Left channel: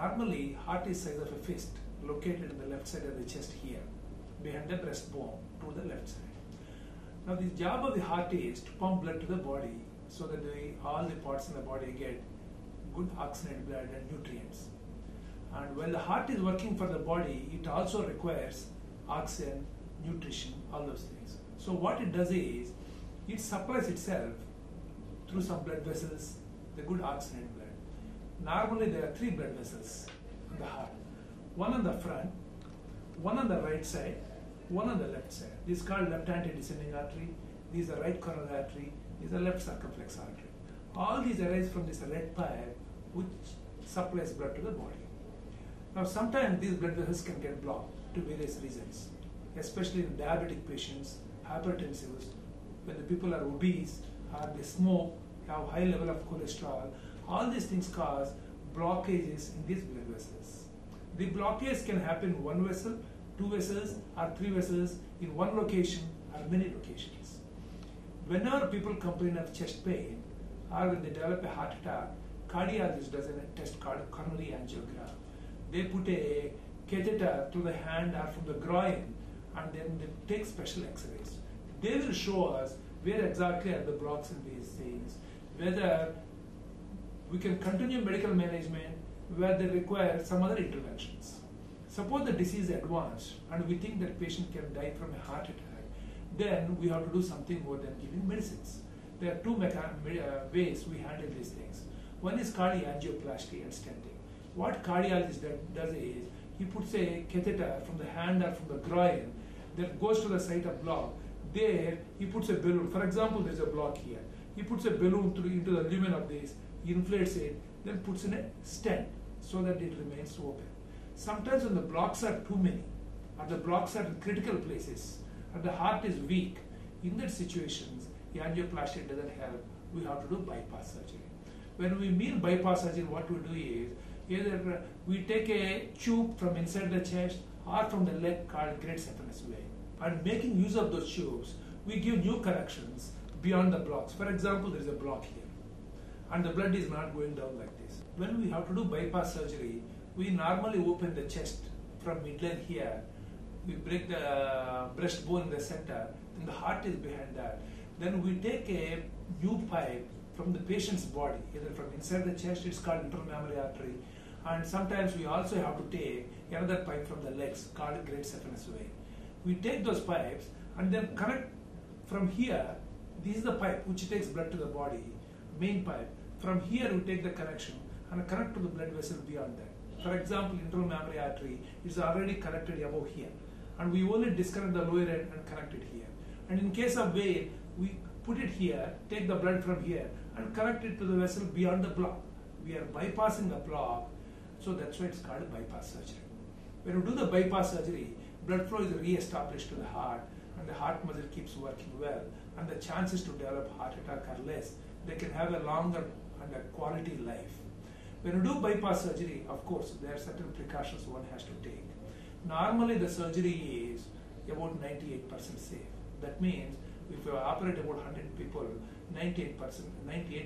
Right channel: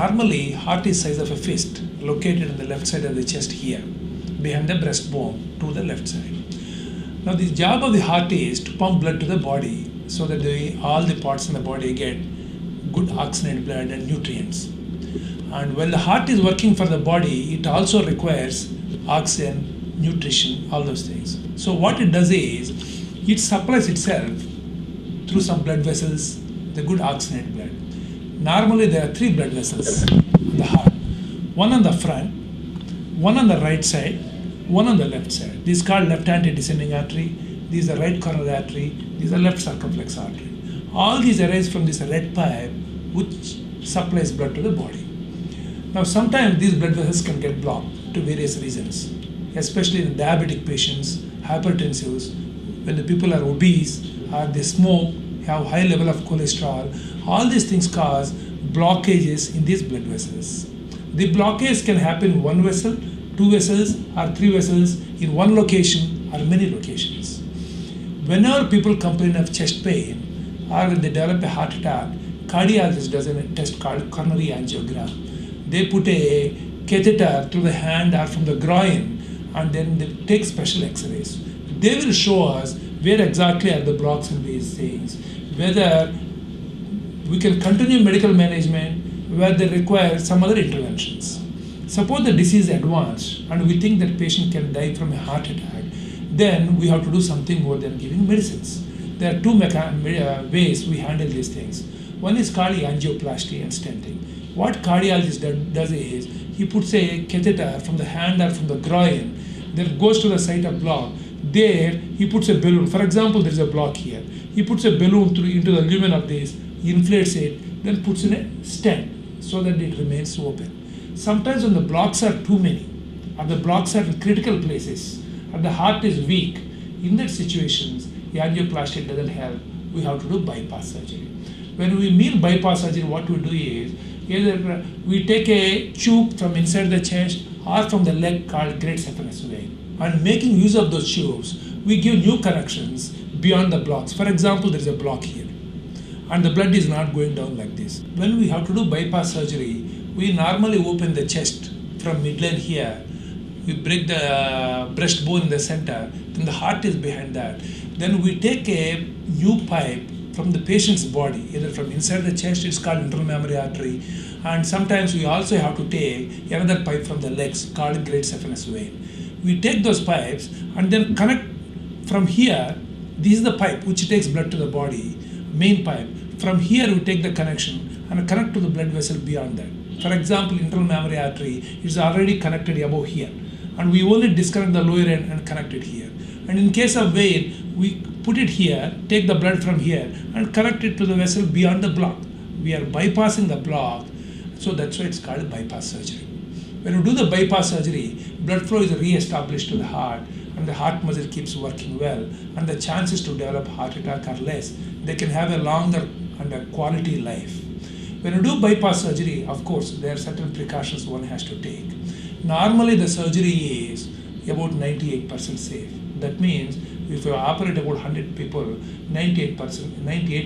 Normally, heart is size of a fist, located on the left side of the chest here, behind the breastbone to the left side. Now, the job of the heart is to pump blood to the body so that all the parts in the body get good oxygenated blood and nutrients. And when the heart is working for the body, it also requires oxygen, nutrition, all those things. So what it does is, it supplies itself through some blood vessels, the good oxygenated blood. Normally there are 3 blood vessels in the heart. One on the front, one on the right side, one on the left side. This is called left antedescending artery. This is the right coronary artery. This is the left circumflex artery. All these arise from this red pipe which supplies blood to the body. Now sometimes these blood vessels can get blocked to various reasons, especially in diabetic patients, hypertensives, when the people are obese or they smoke, have high level of cholesterol. All these things cause blockages in these blood vessels. The blockage can happen in one vessel, 2 vessels, or 3 vessels in one location or many locations. Whenever people complain of chest pain or when they develop a heart attack, cardiologist does a test called coronary angiogram. They put a catheter through the hand or from the groin and then they take special x-rays. They will show us where exactly are the blocks in these things, whether we can continue medical management, where they require some other interventions. Suppose the disease is advanced and we think that patient can die from a heart attack, then we have to do something more than giving medicines. There are 2 ways we handle these things. One is called angioplasty and stenting. What cardiologist does is, he puts a catheter from the hand or from the groin, then goes to the site of block. There, he puts a balloon. For example, there is a block here. He puts a balloon into the lumen of this, inflates it, then puts in a stent so that it remains open. Sometimes when the blocks are too many, or the blocks are in critical places, or the heart is weak, in that situations, the angioplasty doesn't help. We have to do bypass surgery. When we mean bypass surgery, what we do is, either we take a tube from inside the chest or from the leg called great saphenous vein. And making use of those tubes, we give new connections beyond the blocks. For example, there is a block here, and the blood is not going down like this. When we have to do bypass surgery, we normally open the chest from midline here. We break the breastbone in the center, then the heart is behind that. Then we take a new pipe from the patient's body, either from inside the chest, it's called internal mammary artery, and sometimes we also have to take another pipe from the legs called great saphenous vein. We take those pipes and then connect from here. This is the pipe which takes blood to the body, main pipe. From here we take the connection and connect to the blood vessel beyond that. For example, internal mammary artery is already connected above here, and we only disconnect the lower end and connect it here. And in case of vein, we put it here, take the blood from here and connect it to the vessel beyond the block. We are bypassing the block, so that's why it's called bypass surgery. When you do the bypass surgery, blood flow is re-established to the heart and the heart muscle keeps working well, and the chances to develop heart attack are less. They can have a longer and a quality life. When you do bypass surgery, of course, there are certain precautions one has to take. Normally the surgery is about 98% safe. That means if you operate about 100 people, 98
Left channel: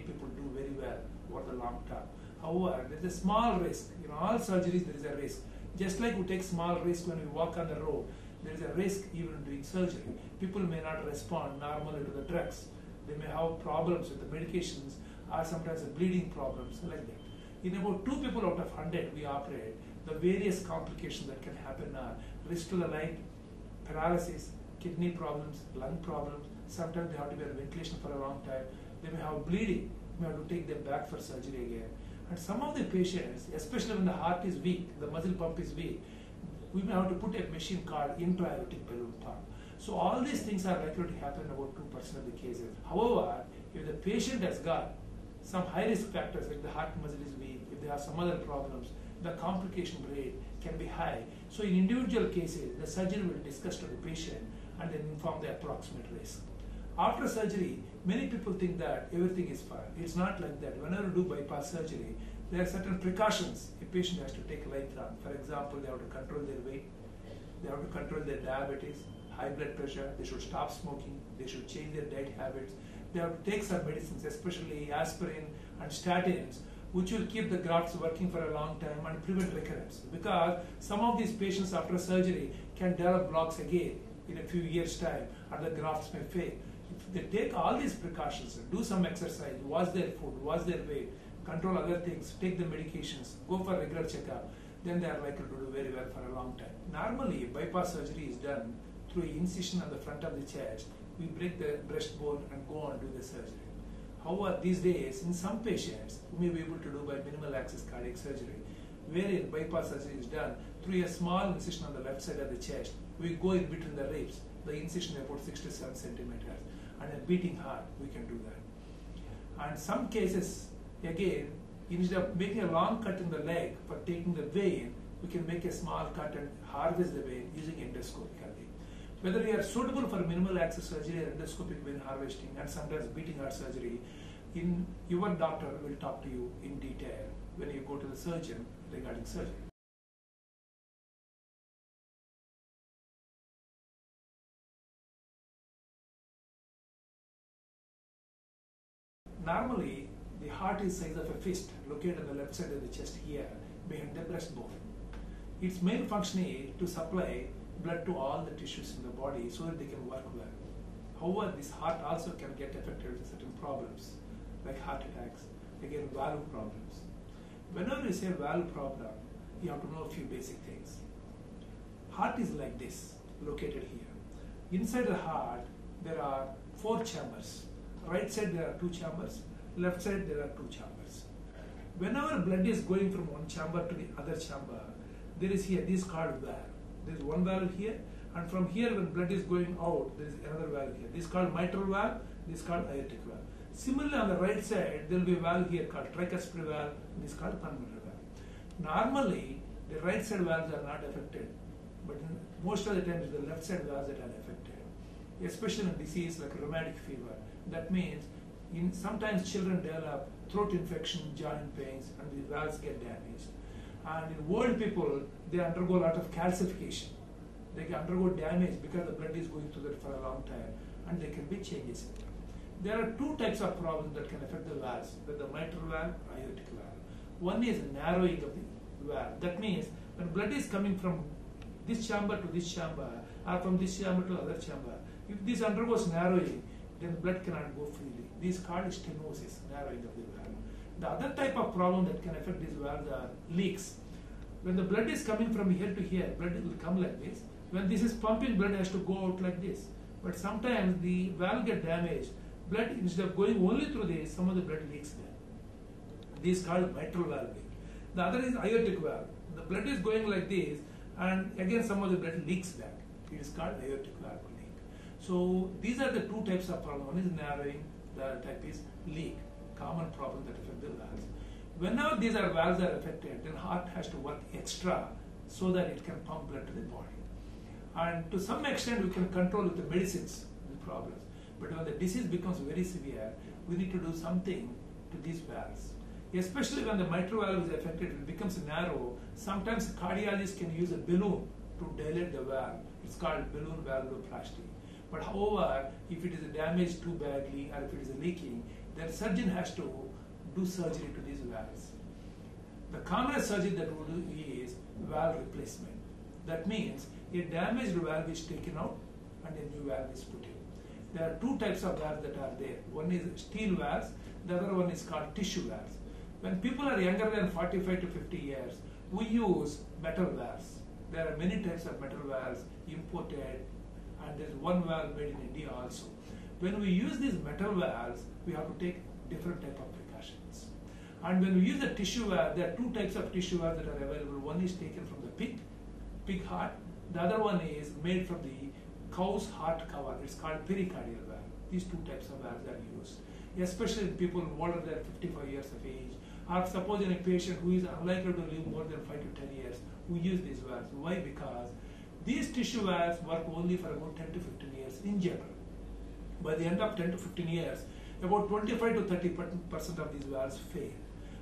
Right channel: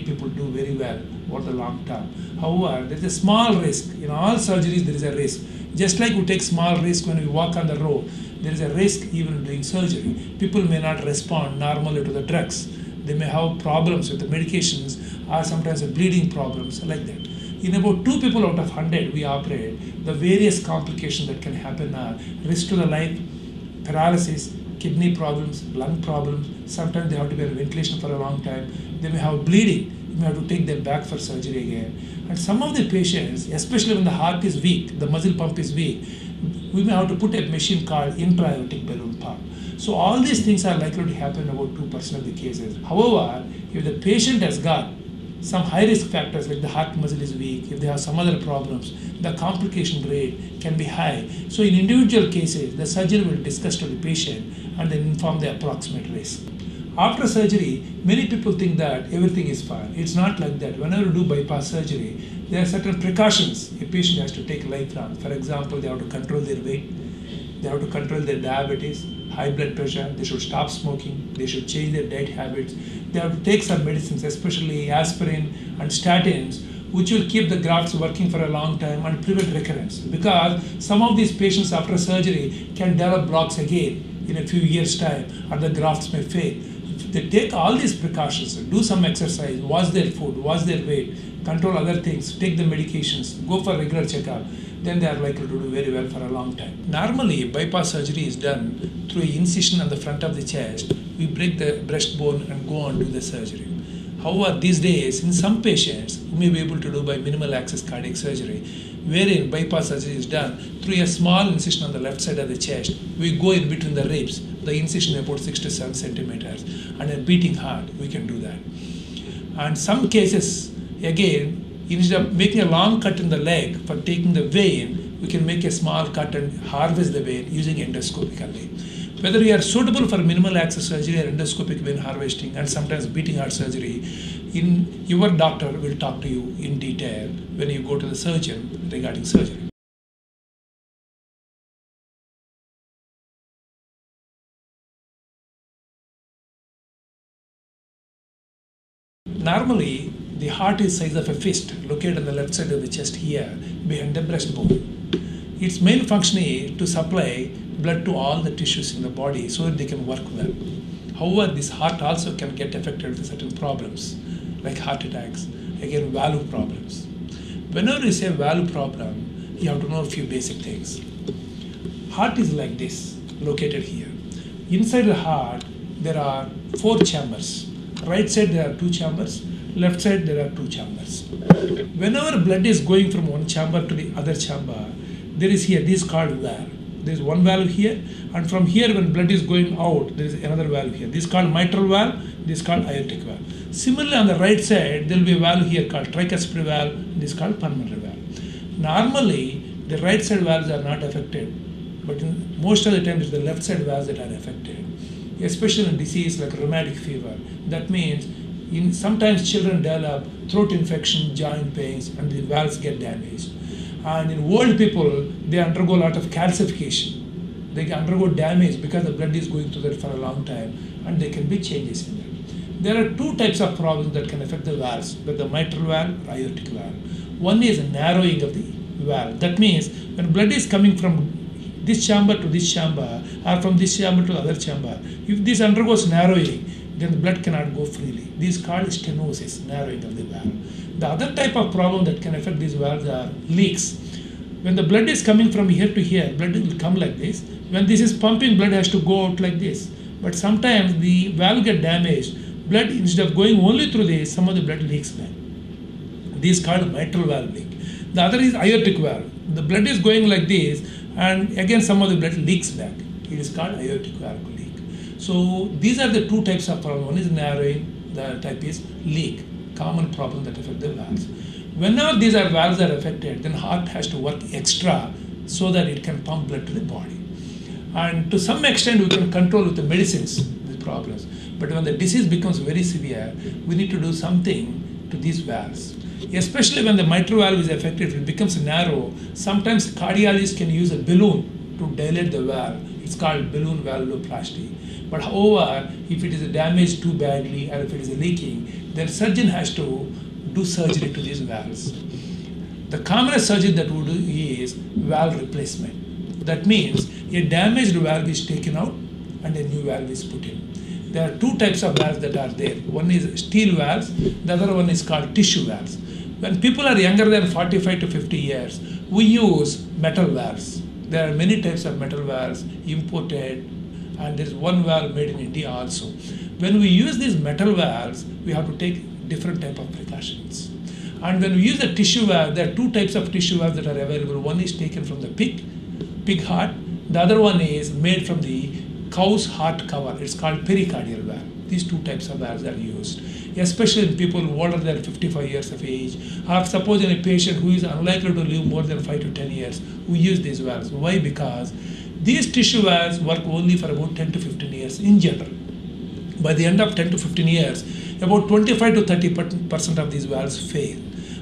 people do very well over the long term. However, there is a small risk. In all surgeries, there is a risk. Just like we take small risk when we walk on the road, there is a risk even doing surgery. People may not respond normally to the drugs. They may have problems with the medications or sometimes bleeding problems like that. In about 2 people out of 100 we operate, the various complications that can happen are risk to the life, paralysis, kidney problems, lung problems. Sometimes they have to be on ventilation for a long time. They may have bleeding. You may have to take them back for surgery again. And some of the patients, especially when the heart is weak, the muscle pump is weak, we may have to put a machine called intra-aortic balloon pump. So all these things are likely to happen in about 2% of the cases. However, if the patient has got some high risk factors like the heart muscle is weak, if they have some other problems, the complication rate can be high. So in individual cases, the surgeon will discuss to the patient and then inform the approximate risk. After surgery, many people think that everything is fine. It's not like that. Whenever you do bypass surgery, there are certain precautions a patient has to take lifelong. For example, they have to control their weight, they have to control their diabetes, high blood pressure, they should stop smoking, they should change their diet habits, they have to take some medicines, especially aspirin and statins, which will keep the grafts working for a long time and prevent recurrence. Because some of these patients after surgery can develop blocks again in a few years' time, and the grafts may fail. If they take all these precautions, do some exercise, watch their food, watch their weight, control other things, take the medications, go for regular checkup, then they are likely to do very well for a long time. Normally, bypass surgery is done through an incision on the front of the chest. We break the breastbone and go on to the surgery. However, these days, in some patients, we may be able to do by minimal access cardiac surgery, wherein bypass surgery is done through a small incision on the left side of the chest. We go in between the ribs, the incision about 6 to 7 centimeters, and a beating heart, we can do that. And some cases, again, instead of making a long cut in the leg for taking the vein, we can make a small cut and harvest the vein using endoscopically. Whether you are suitable for minimal access surgery or endoscopic vein harvesting and sometimes beating heart surgery, your doctor will talk to you in detail when you go to the surgeon regarding surgery. Normally, the heart is size of a fist, located on the left side of the chest here, behind the breastbone. Its main function is to supply blood to all the tissues in the body so that they can work well. However, this heart also can get affected with certain problems, like heart attacks, again valve problems. Whenever you say valve problem, you have to know a few basic things. Heart is like this, located here. Inside the heart, there are 4 chambers. Right side there are 2 chambers, left side there are 2 chambers. Whenever blood is going from one chamber to the other chamber, there is here, this is called valve. There is one valve here, and from here when blood is going out, there is another valve here. This is called mitral valve, this is called aortic valve. Similarly, on the right side, there will be a valve here called tricuspid valve, this is called pulmonary valve. Normally, the right side valves are not affected, but most of the time it's the left side valves that are affected, especially in disease like rheumatic fever. That means sometimes children develop throat infection, joint pains, and the valves get damaged. And in old people, they undergo a lot of calcification. They undergo damage because the blood is going through that for a long time, and there can be changes in them. There are 2 types of problems that can affect the valves, with the mitral valve or aortic valve. One is narrowing of the valve. That means when blood is coming from this chamber to this chamber, or from this chamber to the other chamber, if this undergoes narrowing, then the blood cannot go freely. This is called stenosis, narrowing of the valve. The other type of problem that can affect these valves are leaks. When the blood is coming from here to here, blood will come like this. When this is pumping, blood has to go out like this. But sometimes the valve gets damaged. Blood, instead of going only through this, some of the blood leaks back. This is called mitral valve leak. The other is aortic valve. The blood is going like this, and again some of the blood leaks back. It is called aortic valve leak. So these are the 2 types of problem. One is narrowing, the other type is leak, common problem that affect the valves. Whenever these valves are affected, then heart has to work extra so that it can pump blood to the body. And to some extent, we can control with the medicines these problems. But when the disease becomes very severe, we need to do something to these valves. Especially when the mitral valve is affected, if it becomes narrow, sometimes cardiologists can use a balloon to dilate the valve. It's called balloon valvuloplasty. But however, if it is damaged too badly or if it is leaking, then surgeon has to do surgery to these valves. The commonest surgery that we do is valve replacement. That means a damaged valve is taken out and a new valve is put in. There are 2 types of valves that are there. One is steel valves, the other one is called tissue valves. When people are younger than 45 to 50 years, we use metal valves. There are many types of metal valves imported, and there is one valve made in India also. When we use these metal valves, we have to take different type of precautions. And when we use the tissue valve, there are 2 types of tissue valves that are available. One is taken from the pig heart. The other one is made from the cow's heart cover. It's called pericardial valve. These 2 types of valves are used, especially in people older than 55 years of age, or suppose in a patient who is unlikely to live more than 5 to 10 years, we use these valves. Why? Because these tissue valves work only for about 10 to 15 years in general. By the end of 10 to 15 years, about 25 to 30% of these valves fail,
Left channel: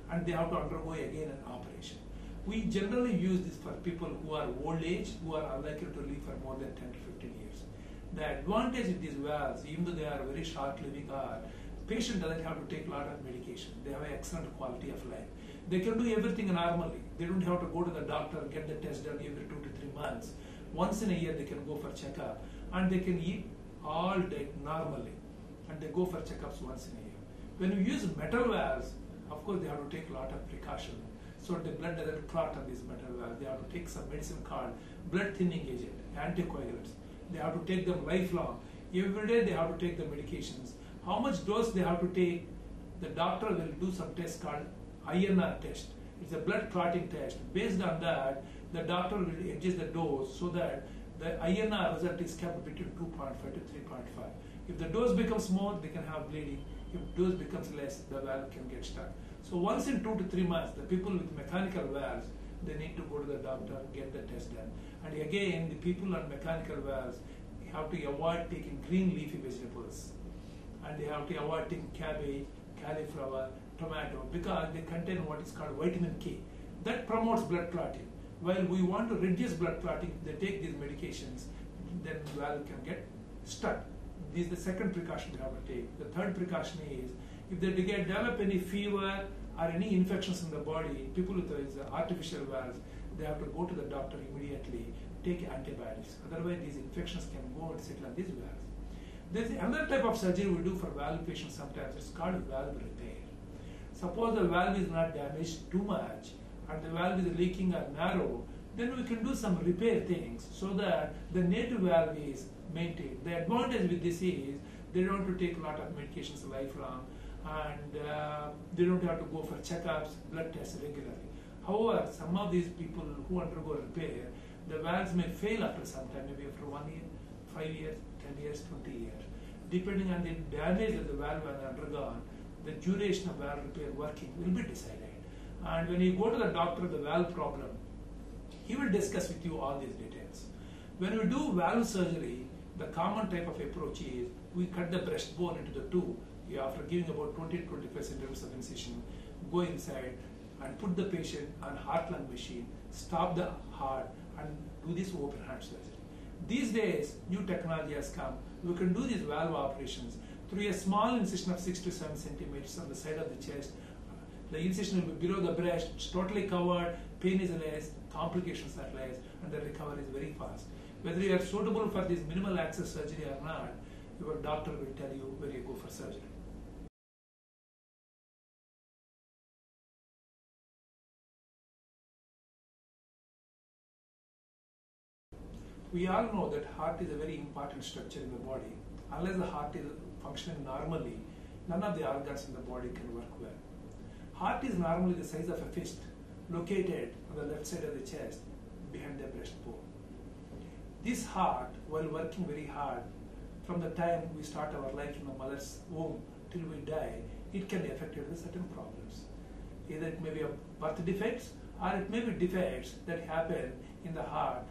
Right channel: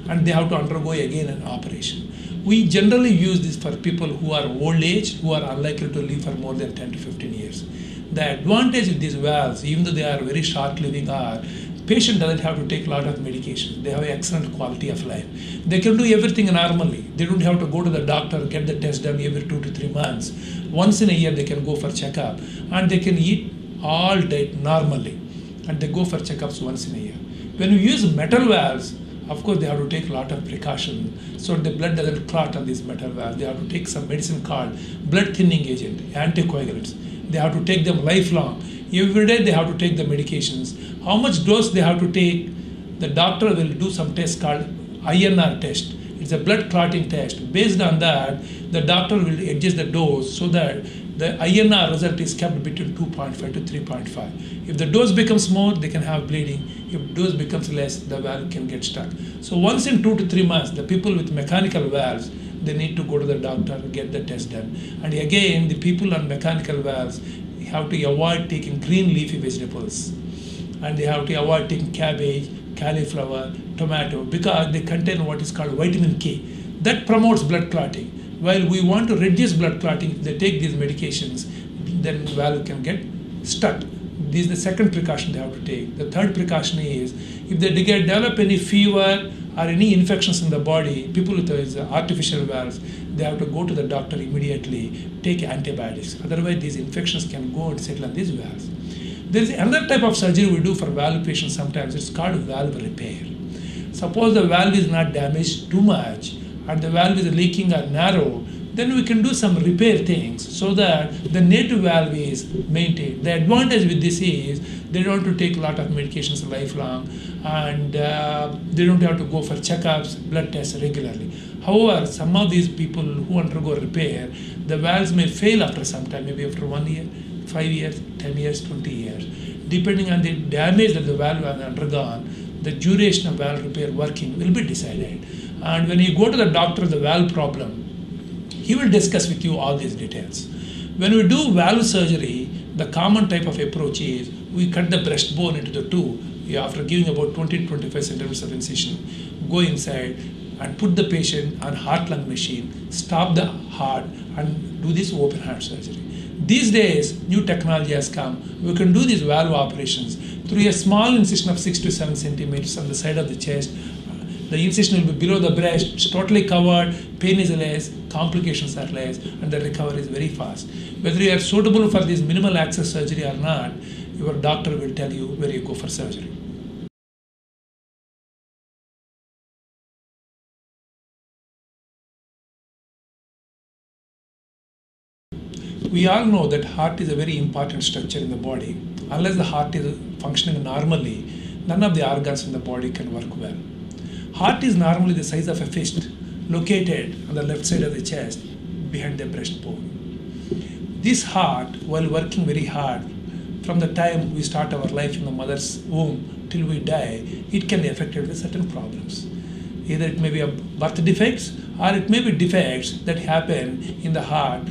and they have to undergo again an operation. We generally use this for people who are old age, who are unlikely to live for more than 10 to 15 years. The advantage of these valves, even though they are very short living, are Patient doesn't have to take a lot of medication. They have an excellent quality of life. They can do everything normally. They don't have to go to the doctor, get the test done every 2 to 3 months. Once in a year they can go for checkup, and they can eat all diet normally, and they go for checkups once in a year. When you use metal valves, of course they have to take a lot of precaution so the blood doesn't clot on these metal valves. They have to take some medicine called blood thinning agent, anticoagulants. They have to take them lifelong. Every day they have to take the medications. How much dose they have to take, the doctor will do some test called INR test. It's a blood clotting test. Based on that, the doctor will adjust the dose so that the INR result is kept between 2.5 to 3.5. If the dose becomes more, they can have bleeding. If dose becomes less, the valve can get stuck. So once in 2 to 3 months, the people with mechanical valves, they need to go to the doctor, get the test done. And again, the people on mechanical valves have to avoid taking green leafy vegetables. And they have to avoid taking cabbage, cauliflower, tomato, because they contain what is called vitamin K. That promotes blood clotting. While we want to reduce blood clotting, if they take these medications, then valve can get stuck. This is the second precaution they have to take. The third precaution is, if they develop any fever or any infections in the body, people with artificial valves, they have to go to the doctor immediately, take antibiotics. Otherwise, these infections can go and settle on these valves. There is another type of surgery we do for valve patients sometimes. It's called valve repair. Suppose the valve is not damaged too much and the valve is leaking or narrow, then we can do some repair things so that the native valve is maintained. The advantage with this is they don't have to take a lot of medications lifelong, and they don't have to go for checkups, blood tests regularly. However, some of these people who undergo repair, the valves may fail after some time, maybe after 1 year, 5 years, 10 years, 20 years. Depending on the damage that the valve has undergone, the duration of valve repair working will be decided. And when you go to the doctor, the valve problem, he will discuss with you all these details. When we do valve surgery, the common type of approach is we cut the breastbone into the two. After giving about 20 to 25 centimeters of incision, go inside and put the patient on heart-lung machine, stop the heart, and do this open heart surgery. These days, new technology has come. We can do these valve operations through a small incision of 6 to 7 centimeters on the side of the chest. The incision will be below the breast, it's totally covered, pain is less, complications are less, and the recovery is very fast. Whether you are suitable for this minimal access surgery or not, your doctor will tell you where you go for surgery. We all know that heart is a very important structure in the body. Unless the heart is functioning normally, none of the organs in the body can work well. Heart is normally the size of a fist, located on the left side of the chest, behind the breastbone. This heart, while working very hard, from the time we start our life in the mother's womb till we die, it can be affected with certain problems. Either it may be a birth defects, or it may be defects that happen in the heart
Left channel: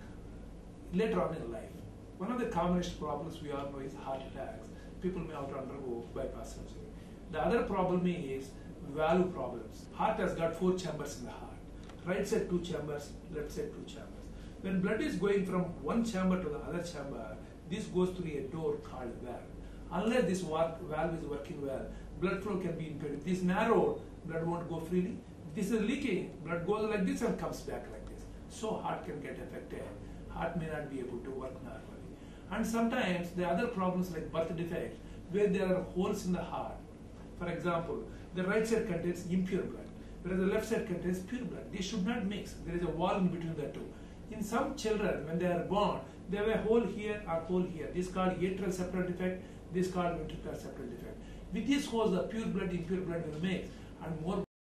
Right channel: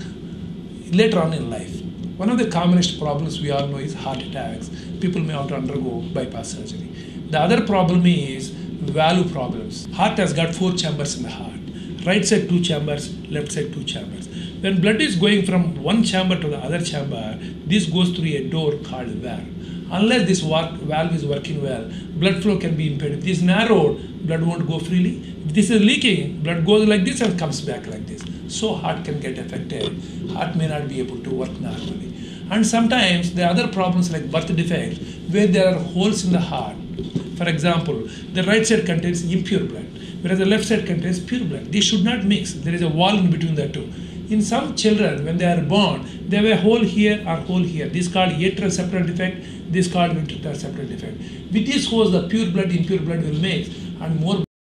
later on in life. One of the commonest problems we all know is heart attacks. People may have to undergo bypass surgery. The other problem is valve problems. Heart has got 4 chambers in the heart. Right side 2 chambers, left side 2 chambers. When blood is going from one chamber to the other chamber, this goes through a door called valve. Unless this valve is working well, blood flow can be impaired. If this is narrowed, blood won't go freely. If this is leaking, blood goes like this and comes back like this. So heart can get affected. Heart may not be able to work normally. And sometimes there are other problems like birth defects where there are holes in the heart. For example, the right side contains impure blood, whereas the left side contains pure blood. They should not mix. There is a wall in between the two. In some children, when they are born, they have a hole here or hole here. This is called atrial septal defect. This is called ventricular septal defect. With these holes, the pure blood, impure blood will mix, and more